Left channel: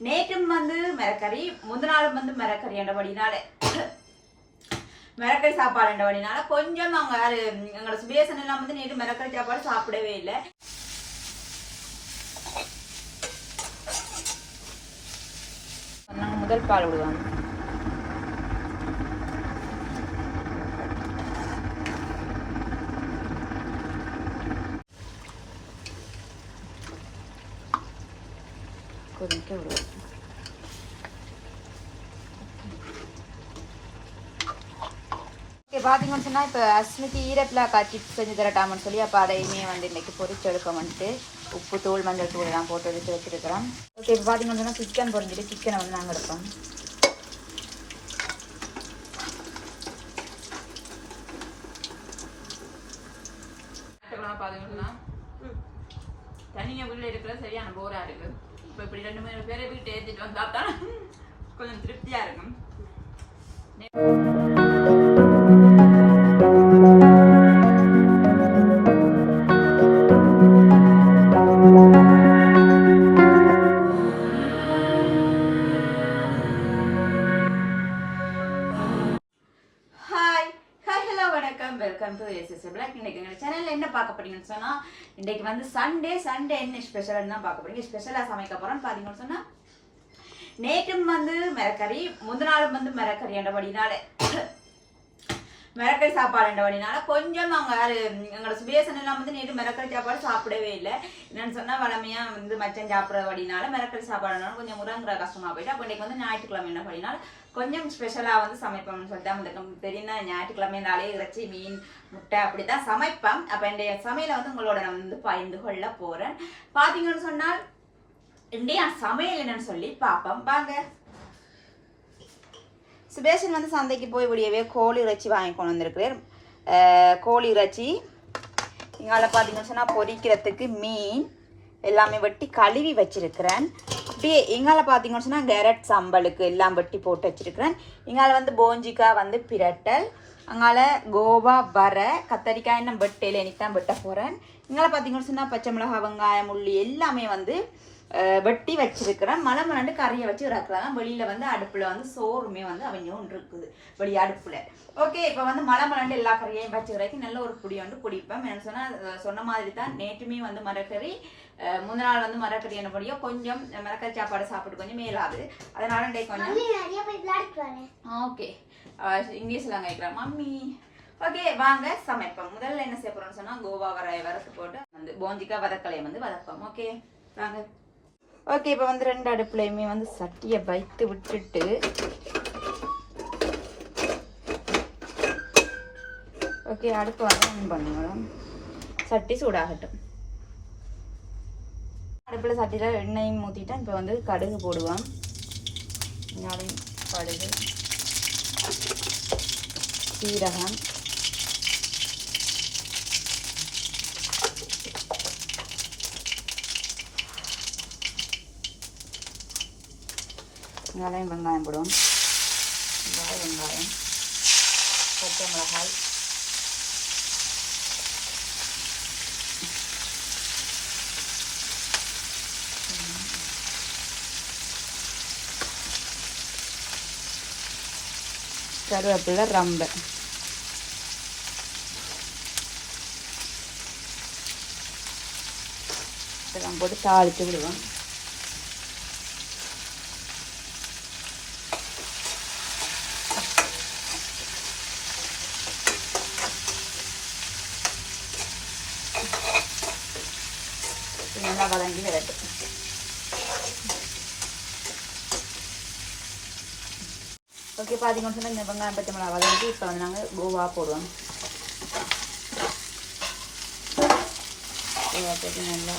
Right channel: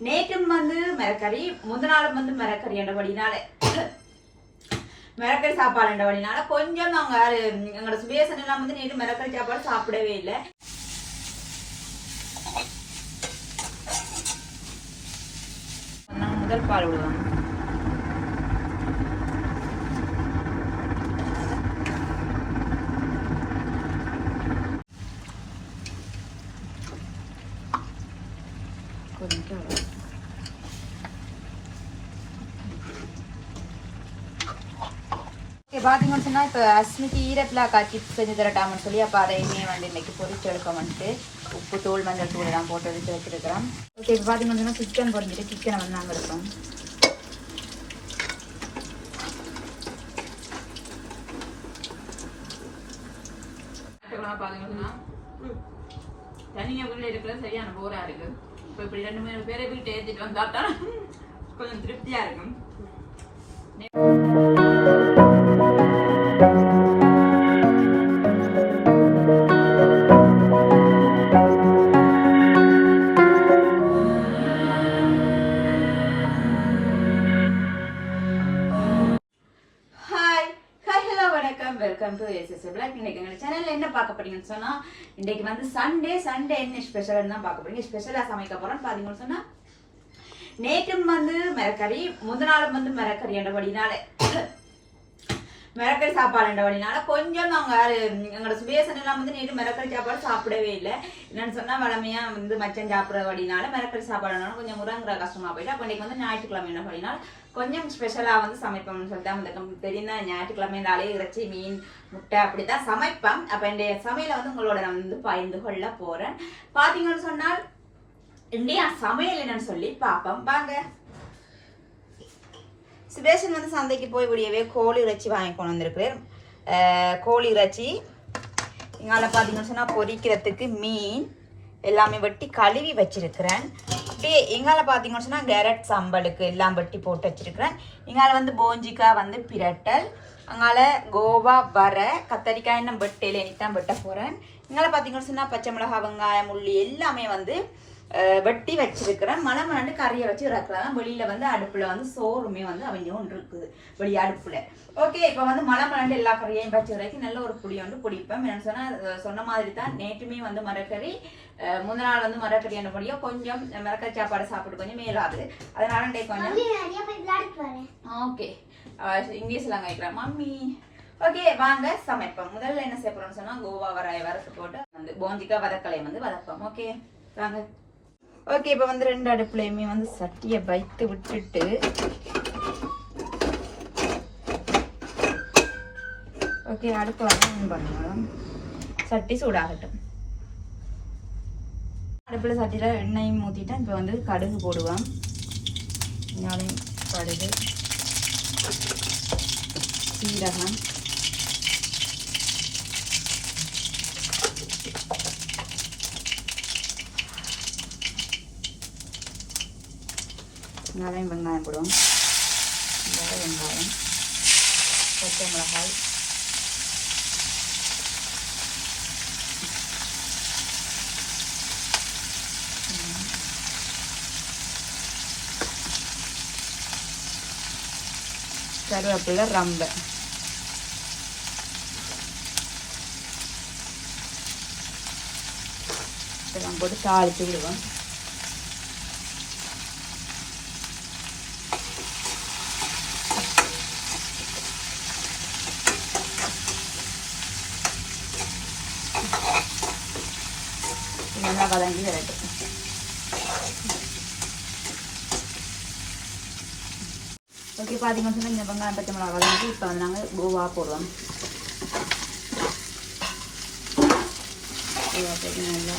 நேற்றும் வந்து மிரக்கறி முதல் நாளும் வந்து மிரக்கறி என்றபடினால மிரக்கறி சாப்பாடு என்றபடினால கொஞ்சம் அவங்க எங்களோட சுபேசன் எல்லாம் வந்து நேற்று மிரக்கறி சாப்பாடு சாப்பிடவே இல்லை. முதல் பால் விடுவாங்க கொதிக்க விடுவோம் ஓகே பார்த்தீங்கன்னு சொன்னால் இப்போ அஸ்மிதி ஈரப்பிலாக்கா சிப்ஸ் செஞ்சு தரட்டாமன்னு சொல்லி அப்போ அதையுமே வந்து இன்னைக்கு பொறிச்சு எடுக்க வந்துட்டு உப்பு தோல் மஞ்சள் தூள் எல்லாம் போட்டு வச்சு வச்சுருக்கிறோம். ஓகே இப்போ பார்த்தீங்கன்னு சொன்னால் சிக்கன் பொரிஞ்சிட்டு சிக்கனை வந்து நாங்கள் இருக்கோம் பார்த்தீங்கன்னா தனியாக வீட்டில் இருக்கிற சரியான போராக இருக்கு இப்போ இப்படி ரெண்டு மூணு பேரை வீட்டை ஏற்றிட்டு வந்தா தான் கொஞ்சம் திருப்தியாக இருக்கும் என்ன போறீங்கன்னு சொன்னால் இன்னைக்கு வந்து சண்டே சண்டே என்ன ஸ்பெஷல்னு தான் பார்க்க போறீங்க. ஸ்பெஷலாக சமைக்க போறோம் பார்த்தீங்கன்னு சொன்னால் நேற்றும் வந்து மரக்கறி முந்த நாள் வந்து மிரக்கறி என்றபடினால. மிரக்கறி சாப்பாடு வழினால கொஞ்சம் நாங்கள் எங்களோட சுபேசன் எல்லாம் வந்து நேற்று மிரக்கல் சாப்பாடு சாப்பிடவே இல்லை. என்னன்னு சொன்னா வளமையா வந்து மச்சம் சாப்பிட்றபடினால மிரக்கல் சாப்பாடுனால கொஞ்சம் முறங்குற கஷ்டமா போயிட்டு அப்போ இன்னைக்கு வந்து ஞாயிற்றுக்கிழமை என்ன பண்ணினால் கொஞ்சம் ஸ்பெஷலா வந்து சமைப்போம்னு சொல்லிட்டு அந்த தெரியும் ஞாயிற்றுக்கிழமைனாலே இறைச்சி மீன் முட்டை அப்படித்தான் சமைப்பேன். அப்ப என்னுடைய சமையலை வந்து உங்களோட நான் வந்து பகிர்ந்து கொள்ள போறேன். பாத்தீங்கன்னு சொன்னால் இந்தியா சமையல் என்னன்னு சொல்லி பார்ப்போம். வாங்க. சுபேஷன் வந்து சந்தைக்கு போய் விடியவே கோழி இறைச்சி வாங்கி கொண்டு வந்திருக்கிறேன். கோழி இறைச்சி. இங்கால பார்த்தீங்கன்னு சொன்னால் பொரிக்கிறதுக்கு மீன் எல்லாமே வெட்டி கழுவி வச்சிருக்கிறேன். அப்படியே எங்கால பார்த்தீங்கன்னு சொன்னால் கேரட் சம்பலுக்கு எல்லாம் வெட்டி போட்டு வச்சிருக்கிறேன். இங்கால வந்து போஞ்சிக்காய் வந்து பிரட்டல் அங்கால கோவா வர கத்தரிக்காய் இன்னும் வெட்டையில் எனக்கு தான் வெட்ட போகிறேன் இங்கால பார்த்தீங்கன்னு சொன்னால் பச்சை மிளகாய் வெங்காயம் உள்ளி எல்லாமே வந்து வெட்டி வச்சிருக்கிறேன். மலை மலாண்டு கறியை வச்சு இறக்குறேன். வெளியில வந்து அடுப்புல வந்து சோறுமே வந்து அவங்க ஒன்று இருக்குது. வெளி அடுப்புல. ஓகே இப்போ வந்து மலை மலாண்டு எல்லா கறியையும் வச்சு வரைக்கும் நல்ல ஒரு புடி வந்து பிடிப்பேன் என்னன்னு சொன்னா சொன்ன மாதிரி தான் நேற்றுமே வந்து மரக்கறி முந்த நாள் வந்து மரக்கறி என்னபடியோ கொஞ்சம் மரக்கறி சாப்பாடு சாப்பிட்டு கொஞ்சம் மேலாது. அதனால கொஞ்சம் ஓகே இங்கிலீஷ்ல கேட்குறேன் மம்மி. ஓகே வாங்க சமைப்போம். முதல்ல என்ன செய்ய சொன்னா கோவா வர வறுத்து போட்டு வந்து போஞ்சிக்கா வதக்கலையை வந்து வதப்போம் ஓகே வாங்க. ஓகே இப்போ வந்து ரெண்டு அடுப்புலையுமே வந்து சட்டியை வைத்து விட்டுட்டு ஓகே அடுப்பு ஆன் பண்ணுங்க சட்டி சூடாகட்டும். அடுப்பில் சட்டியில் எண்ணெயும் ஊற்றிட்டேன் இப்போ வந்து கடுகு போடுவோம். ஞாபகம் கடுகு சீரகம். பசங்களாலையும் வெங்காயம் போடும் வெங்காயம் பச்சை மிளகாய். கருவேப்பிலை ரம்பை. போட்டு தாளித்து விடுவோம். நல்லா வதங்கி வரட்டும் ஓகே பார்த்தீங்கன்னு சொன்னால் இந்த வெங்காயம் பச்சை மிளகா வதங்கி இப்போ வந்து நாங்கள் கோவா போடுவோம் கோவா போட்டு நல்லா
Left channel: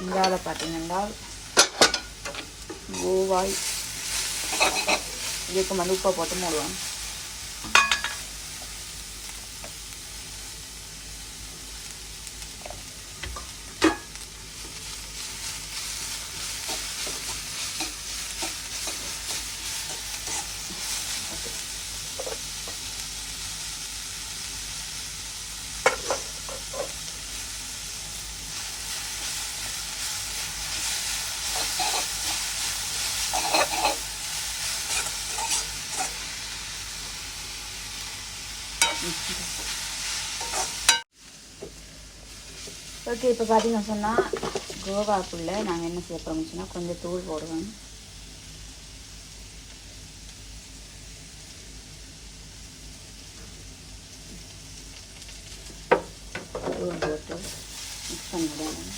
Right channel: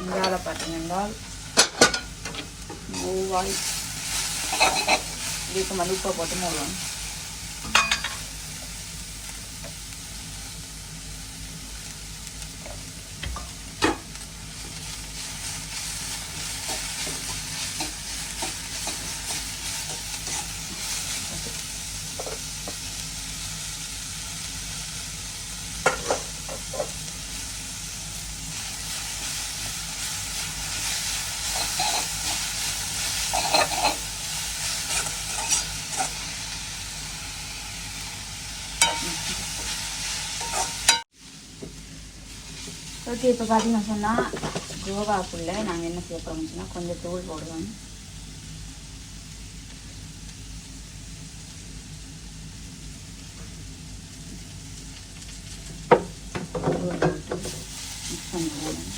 இங்கால பார்த்தீங்கன்னா பூவாய் இதுக்கு மல்லிப்பூ போட்டு மூடுவோம். ஓகே இப்போ பார்த்தீங்கன்னு சொன்னால் யோகாக்குள்ளே நாங்கள் என்ன செய்ய போகிறோம்னு சொன்னால் கொஞ்சம் தூள் போடுவோம் தூள் போட்டு மிக்ஸ் பண்ணிக்கலாம்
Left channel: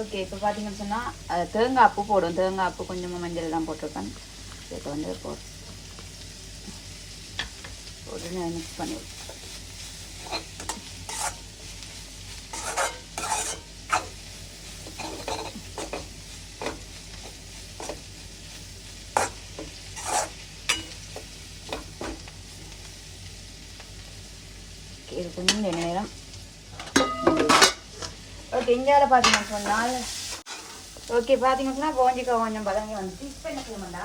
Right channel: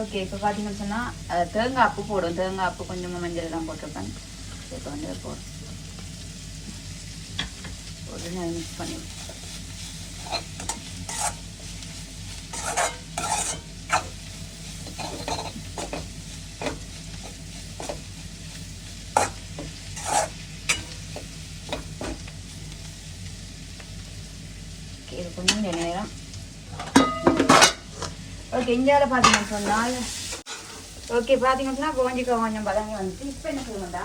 ஓகே இப்போ பார்த்தீங்கன்னு சொன்னால் தேங்காய் அப்பு போடும். தேங்காய் அப்பு கொஞ்சம் மஞ்சள் தான் போட்டிருப்பேன். இப்போ வந்து போ உடனே மிக்ஸ் பண்ணி இது கொஞ்சம் நேரம் ஓகே இந்தியாவில் பார்த்தீங்கன்னு சொன்னால் ஓகே பார்த்தீங்கன்னு சொன்னால் கோஞ்சிக்க கொஞ்சம் பதங்க வந்துச்சு இப்போ என்ன செய்யணும்டா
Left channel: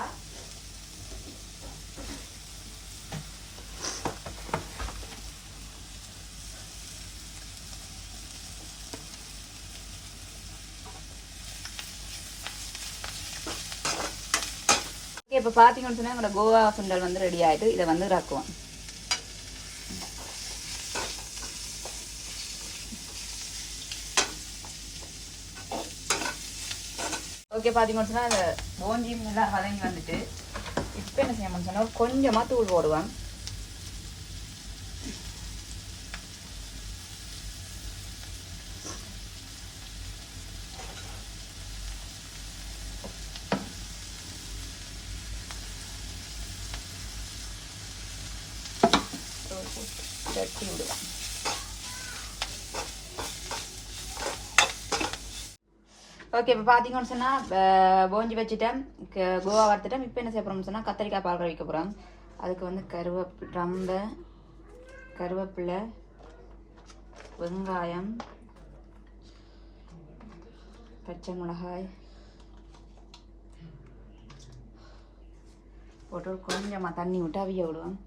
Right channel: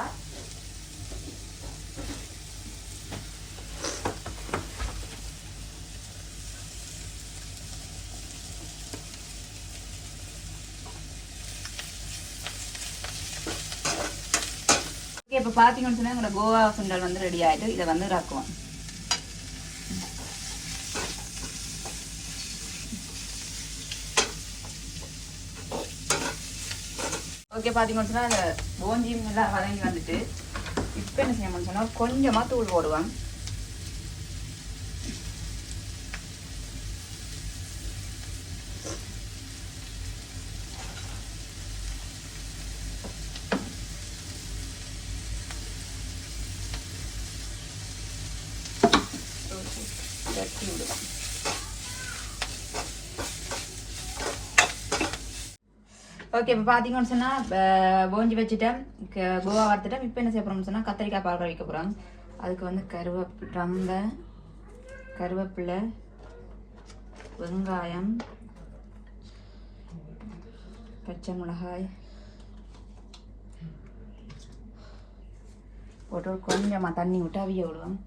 ஓகே இப்போ பார்த்தீங்கன்னு சொன்னால் எங்களோட கோவா சுண்டல் வந்து ரெடி ஆகிட்டு இதை வந்து ரக்குவோம் ஓகே பார்த்தீங்கன்னு சொன்னால் அந்த போஞ்சியும் எல்லாம் வதங்கி வந்துட்டு இப்போ என்ன செய்யணும்னு சொன்னால் கொஞ்சமாக தூள் போடுவேன். தட்டி விடுவேன் ஓகே இப்போ பார்த்தீங்கன்னு சொன்னால் போஞ்சி வச்சுட்டேன் கோவா வறுத்துட்டேன் இப்போ என்ன செய்ய போகிறோம்னு சொன்னால் கத்திரிக்காய் பால் வைக்க போகிறோம் அதுக்கு வந்து கருவேப்பி ரம்பை கருவேப்பிலை வெங்காயம் பச்சை மிளகாய் போட்டு கொஞ்சமாக தண்ணி விட்டு அவிய விடுவோம்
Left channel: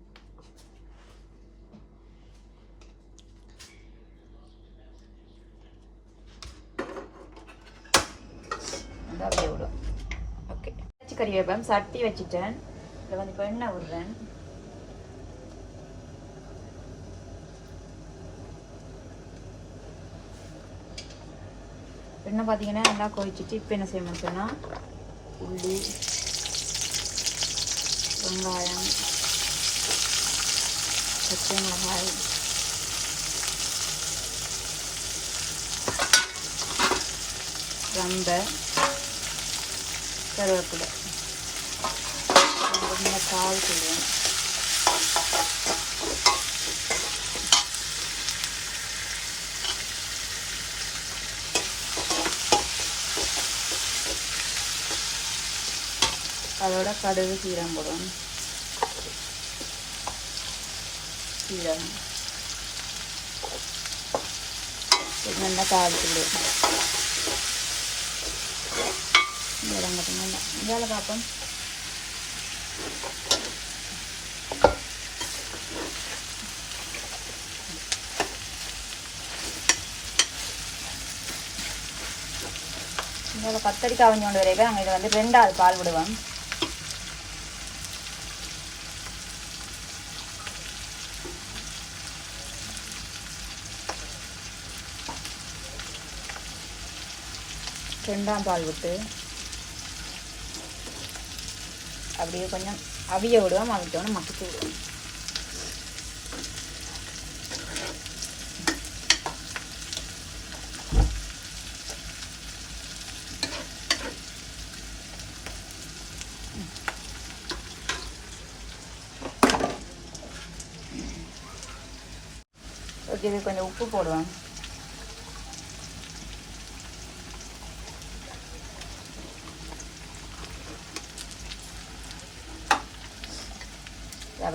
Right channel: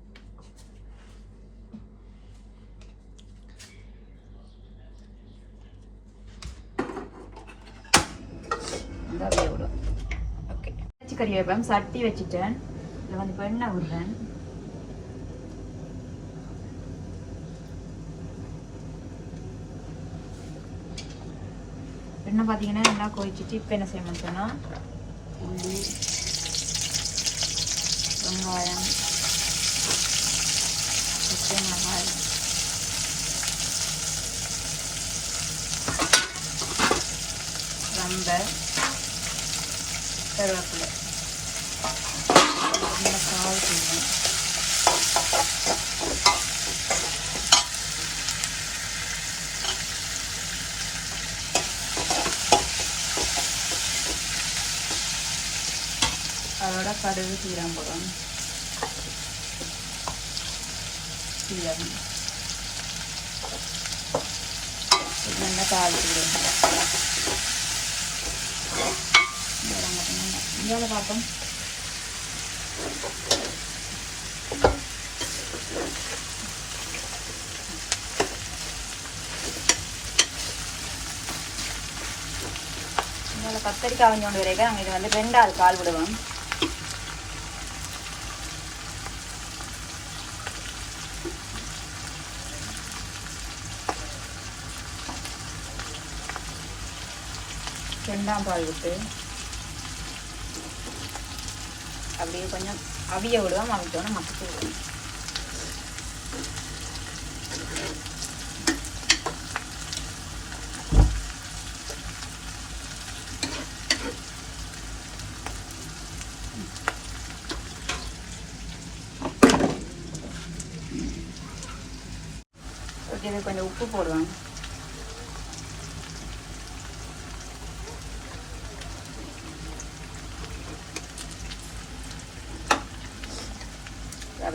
வந்து அப்படியே விடும் ஓகே வச்சு கறி வைப்பேன் சட்டி வச்சுட்டேன். இதில் வந்து இப்போ எண்ணெய் விடுறேன் எண்ணெய் பார்த்தீங்கன்னா நல்லா கொதிச்சுட்டு இப்போ என்ன செய்ய சொன்னால் உள்ளி வெங்காயம் பச்சை மிளகாய். ரம்பை கருவேப்பிலை. ഇങ്ങനെ കാവ് ചെയ്യണം അവിടെ കടുക് തീരാൻ പോകണം തീരാൻ പിന്നെ എന്താ പാകത്തില്ലേ ഇതാണ് പാട്ടം இதோட கத்தரிக்காய் கொஞ்சம் கொண்டு வரைக்கும் நாங்கள் இதை வந்து ரெண்டாவது பால் விடுவோம். ரெண்டாம் பால் விட்டு அப்படியே கொஞ்சம் அவிய விடுவோம் அவிட்டோன்னு மசிச்சு விடுவோம். ஓகே இது கொஞ்சம் உப்பு போடுவேன்.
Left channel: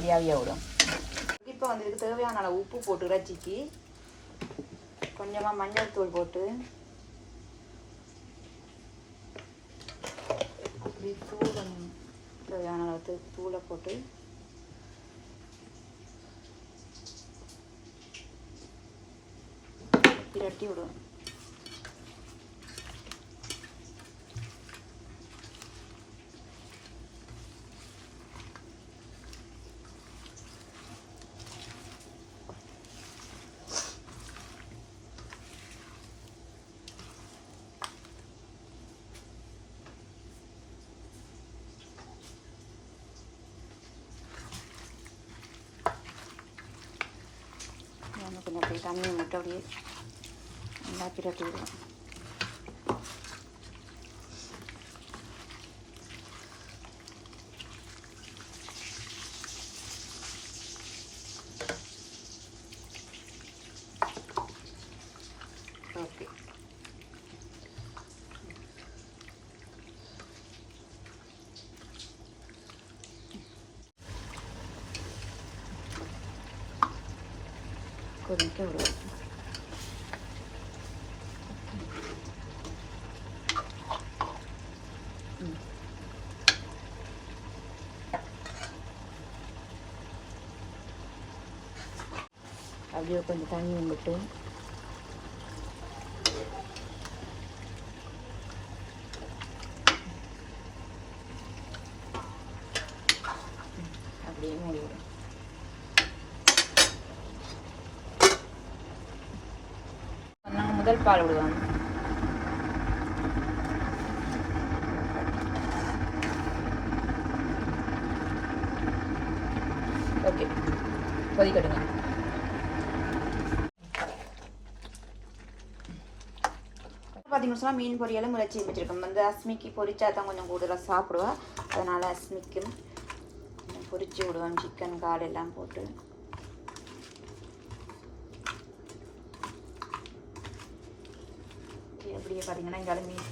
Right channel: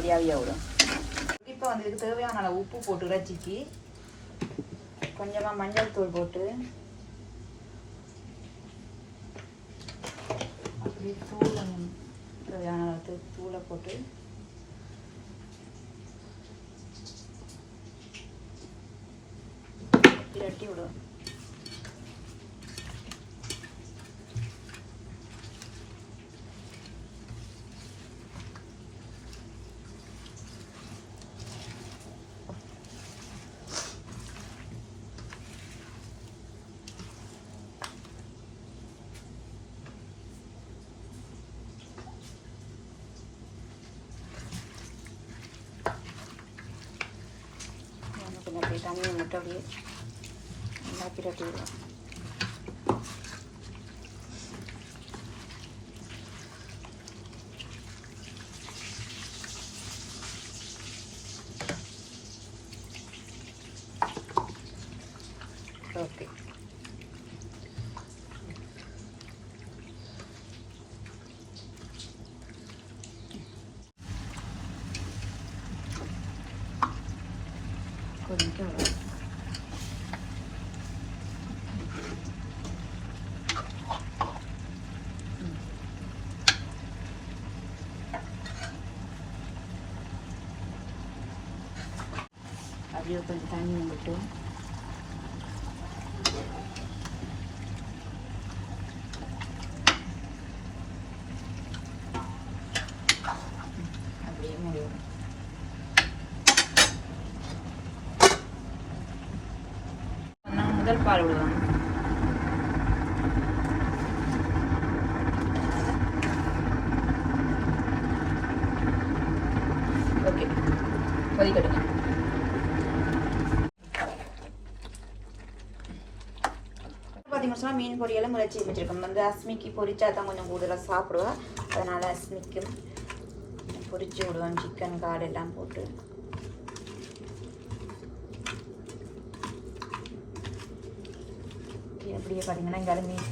அப்படியாவே விடும் இப்போ வந்து இதுக்கு தேவையான அளவு உப்பு போட்டு இறைச்சிக்கு. கொஞ்சமாக மஞ்சள் தூள் போட்டு. அப்படி தூளை தேவையான அளவு தூளை போட்டு. இரட்டி விடுவோம் கொஞ்சம் அப்படியே தண்ணி விட்டு அப்படியே நல்லா பிரட்டி விடுவோம் ஓகே கொதிக்க விடுவோம் அப்படியே கொஞ்சம் தண்ணி விட்டு அப்படியே மூடி விடுவோம். நான் முதல் பால் விடுவேன் ஓகே கொதிக்கட்டுங்க பார்த்தீங்கன்னா மீன் பொரியலும் முளைச்சி வச்சுருக்கோம். வந்து அஸ்மிக்கு பொரிச்சா தான் கொஞ்சம் கூடுதலாக சாப்பிடுவேன். அதனால அஸ்மிக்கு பொரிச்சு விடுவேன். சிக்கன் காடு எல்லாம் போட்டு. இப்படியே பார்த்தீங்கன்னா இங்கே மீன்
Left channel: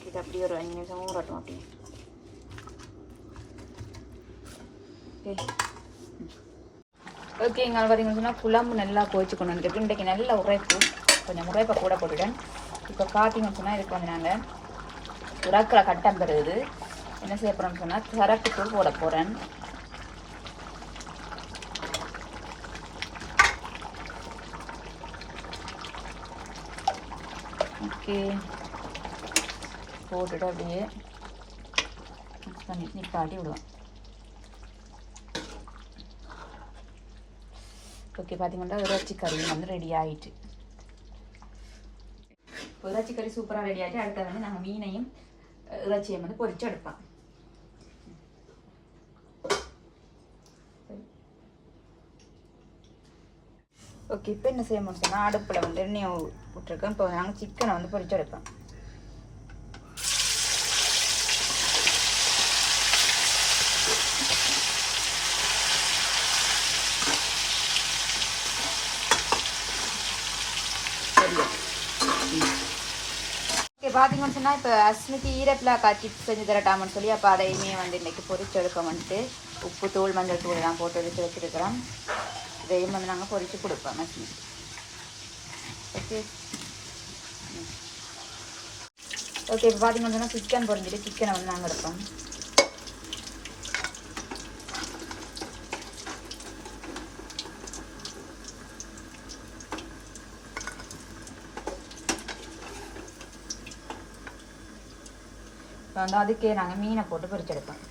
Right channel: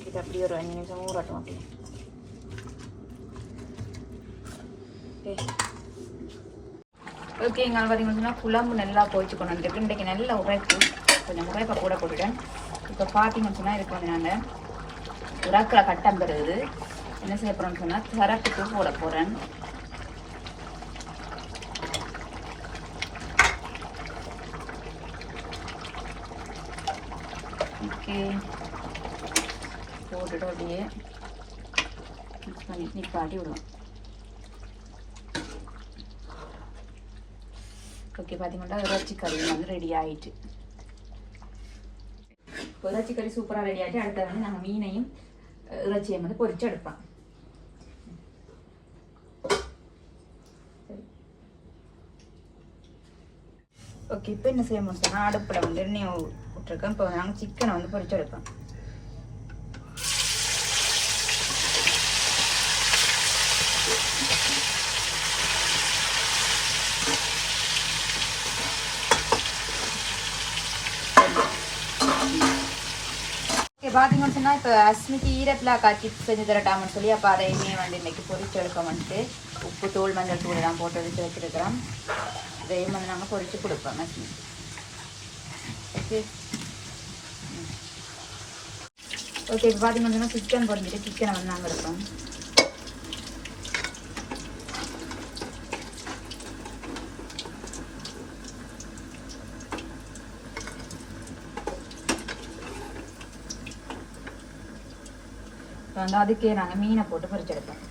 இது அப்படியே ஒரு அஞ்சு நிமிஷம் ஊறட்டும் அப்படியே. ஓகே ஓகே இங்கே பார்த்தீங்கன்னா சொன்னால் குழம்பு நல்லா பொரிச்சு கொண்டு வந்துருக்கு இன்றைக்கு நல்லா உரைக்கும் கொஞ்சம் உரைப்பை கூட போட்டுட்டேன். இப்போ பார்த்தீங்கன்னு சொன்னால் இதுக்கு வந்து நாங்கள் உரக்கில் கட்டம் பெறுது என்ன செய்ய போகிறோம்னு சொன்னால் கரட்டுக்கு போட போகிறேன் ஓகே போட்டுட்டு அப்படியே மிக்ஸ் பண்ணி நிப்பாட்டி விடுவோம் ஓகே பார்த்தீங்கன்னா இறைச்சி கறி வந்து ரெடி ஆகிட்டு இறைச்சி கறி சூப்பராக ரெடி ஆகிட்டு அடுத்தது வந்து நாங்கள் மீனையும் இறைச்சியும் வந்து பொறிச்சு எடுப்போம் ஓகே இப்போ என்ன செய்யணும் சொன்னால் அடுப்பில் வந்து எண்ணெய் விட்டுருக்கோம் இப்போ நாங்கள் சிக்கனை வந்து பொறிச்சு எடுப்போம் ஓகே பார்த்தீங்கன்னு சொன்னால் இப்போ அஸ்மிதி ஈரப்பிலாக்கா சிப்ஸ் செஞ்சு தரட்டாமன்னு சொல்லி அப்போ அதையுமே வந்து இன்னைக்கு பொரிச்சு எடுக்க வந்துட்டு. உப்பு தூள் மஞ்சள் தூள் எல்லாம் போட்டு எடுத்து வச்சிருக்கிறோம். இதையும் வந்து நாங்கள் பொறிச்சு கொடுப்போம் அஸ்மிதி. ஓகே ஓகே இப்போ பார்த்தீங்கன்னா சிக்கன் பொறிஞ்சிட்டு சிக்கனை வந்து நாங்கள் எடுப்போம். வந்து அதுக்கே நாங்கள் மீனை போட்டு பறிச்செடுப்போம்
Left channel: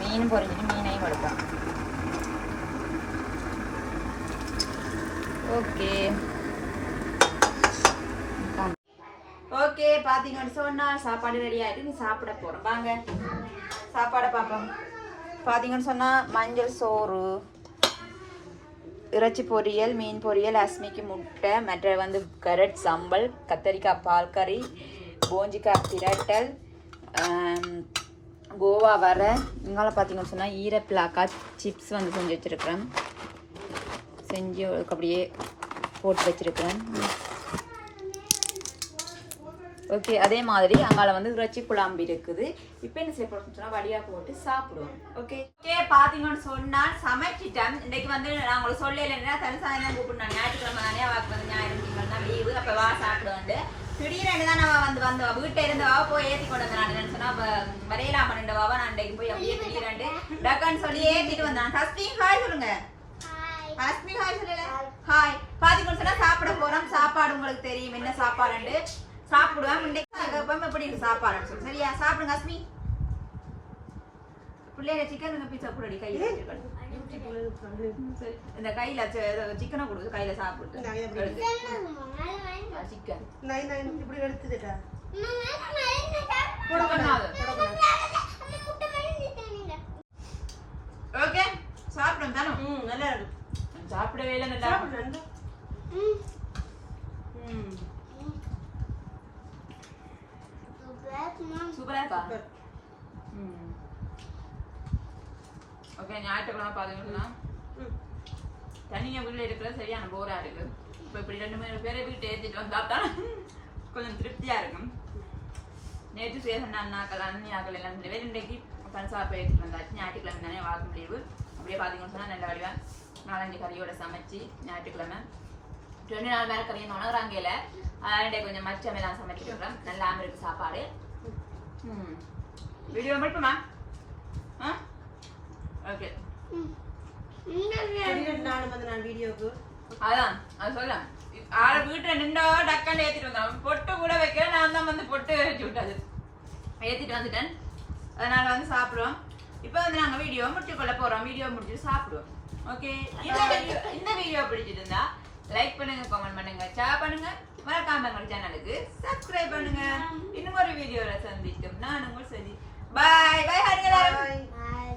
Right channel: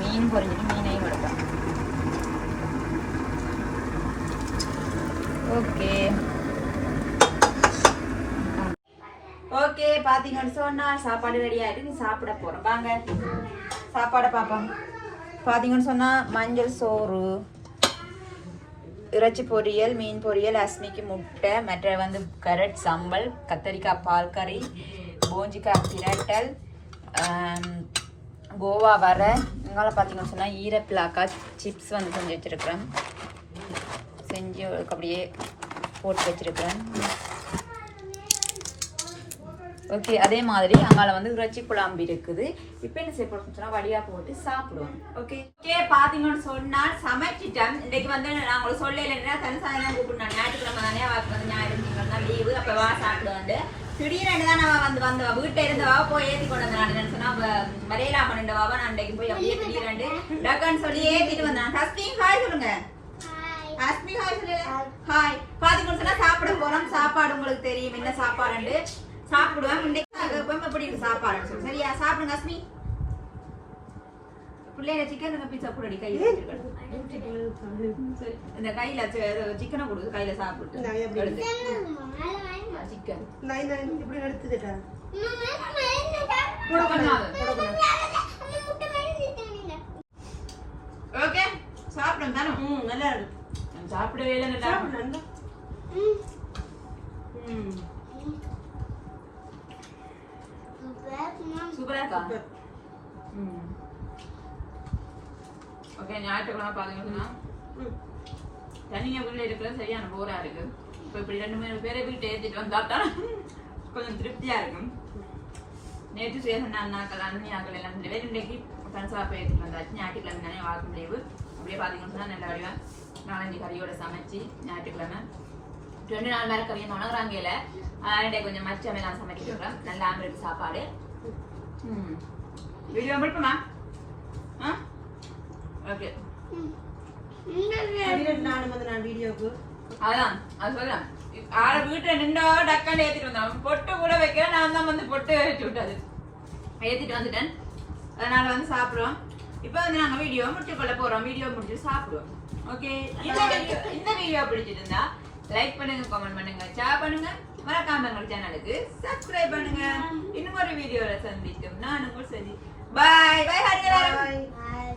மீன் பொரிஞ்சிட்டு மீனையும் எடுப்போம் ஓகே ஓகே பார்த்தீங்கன்னு சொன்னா சாப்பாடு ரெடி ஆயிட்டு நீ சாப்பிட போறோம் வாங்க சாப்பாடை பார்ப்போம் பார்த்தீங்கன்னு சொன்னா மஞ்சள் சோறு இறைச்சி பொரியல் மீன் பொரியல் அஸ்மிக்கு முட்டை மற்ற வந்து கரட் சம்பல் கத்தரிக்காய் பால் கறி கோஞ்சிக்காய் பிரட்டல் கோவா வர. இங்கால பார்த்தீங்கன்னு சொன்னால் ஈரப்பிளாக்கா சிப்ஸ் வந்து செஞ்சு வச்சுருக்கிறேன். செஞ்சு அப்படியே போட்டு வச்சுருக்கிறேன். ஓகே அதே மாதிரி அங்கால வந்து இறைச்சி குழம்பு இருக்குது. இப்போ என்ன செய்ய சொன்னால் வழியாக போட்டு சாப்பிடுவோம். ஓகே ஓகே பார்த்தீங்கன்னு சொன்னால் சமைச்சிட்டேன். இன்றைக்கு வந்து நான் உங்களுக்கு சொல்லலைன்னா இல்லைன்னா தனிசாயம் தான் நான் ஞாயிற்றுக்கிழமை தானே அவருக்கு வந்து ஞாயிறு திங்கள் தான் லீவு. அப்போ வா சாப்பிடுவேன் திடீர்னு தான் அவ வந்து வந்து வீட்டை இருந்து வா போய் ஏத்தி கொண்டு வந்தான் நான் சொன்னா வரையலா பண்ணிட்டு வாவா நான் அன்றைக்கு போய் அப்படியே திடீர்னு டக்குன்னு சொல்லி ஏத்திட்டு வந்தான். ஹஸ்பி ஹாய் சொல்லுங்க. ஹஸ்பி ஹாய் சொல்லுங்க. ஹாய் பாத்தீங்கன்னு சொன்னா சாப்பிட போறோம். சாப்பாடு உங்களுக்கு தெரியும். என்ன சாப்பாடுண்டு சாப்பிடுவேன். இன்னைக்கு எப்பவும் எப்படி சாப்பாடு சரியா? சாப்பிடுங்க ஹஸ்பி பிள்ளைங்க சிக்கன் பீஸா கூட கையில இந்த கையில சிக்கனை கொடுத்து கையில சாப்பிட்டு. நான் எப்படி? சிக்கன் இப்படி எடுத்துட்டா ஓகே சாப்பிடுங்க தானே ம் நல்லா இருக்கு. சாப்பிடவே இல்லை நல்லா சாப்பிடு நல்லா. ம். சூப்பரா இருக்கா? ம். ஓகே ஞாயிற்றுக்கிழமை பார்த்தீங்கன்னா ம் தனியாக வீட்டில் இருக்கிறது சரியான போராக இருக்கு. இப்போ இப்படி ரெண்டு மூணு பேரை வீட்டு ஏற்றிட்டு வந்தா தான் கொஞ்சம் திருப்தியாக இருக்கும். நேற்று சேசன் அண்ணாக்கள் அண்ணியாக்கள் எல்லாம் ரெண்டு பேர் இன்றைக்கு போய் எடுத்துட்டு வந்தாச்சு ஞாயிற்றுக்கிழமை தானே வாக்கு முடிவு. அப்படியே பார்த்தீங்கன்னா சொன்னால் நல்ல வடிவா நாலஞ்சு கறியோட சமைச்சு ஞாயிற்றுக்கிழமை. ரெண்டு நாள் மேலே கறியை உணவுறாங்கல அதனால கொஞ்சம் மச்சம் எல்லாம் சமைச்சிட்டு இருக்கேன் நல்லா ஆம்பிளுக்கு சாப்பாடு. ம். வீடியோ முடிப்புமா? ஆ? ஓகே நானும் நான் வீடியோக்கு அதான் அது சொல்லலாம் ஆள வீட்டுல நின்றோ டக்காண்டு ஏத்திட்டு வந்தான் பொட்டு கூட வைக்க நான் தான் வந்து பொட்டு வச்சு விட்டது ஏத்திட்டு வந்துட்டேன் அதனால வந்து சாப்பிடுவோம் இப்போ வந்து நாங்க வீடியோ முடிச்சு கொள்ள போறோம் வீடியோ முடிச்சு சாப்பிடுவோம் ஓகே இந்த வீடியோ இந்த வீடியோ பிடிச்சிட்டு இருந்தா லைக் பண்ணுங்க கமெண்ட் பண்ணுங்க ஷேர் பண்ணுங்க மறக்காம எங்கள் சேனலுக்கு சப்ஸ்கிரைப் பண்ணுங்க இன்னும் ஒரு வீடியோல சந்திக்கும் நான் உங்கள் சந்தி பாய் பாய் ஹரி எல்லாரும் Bye.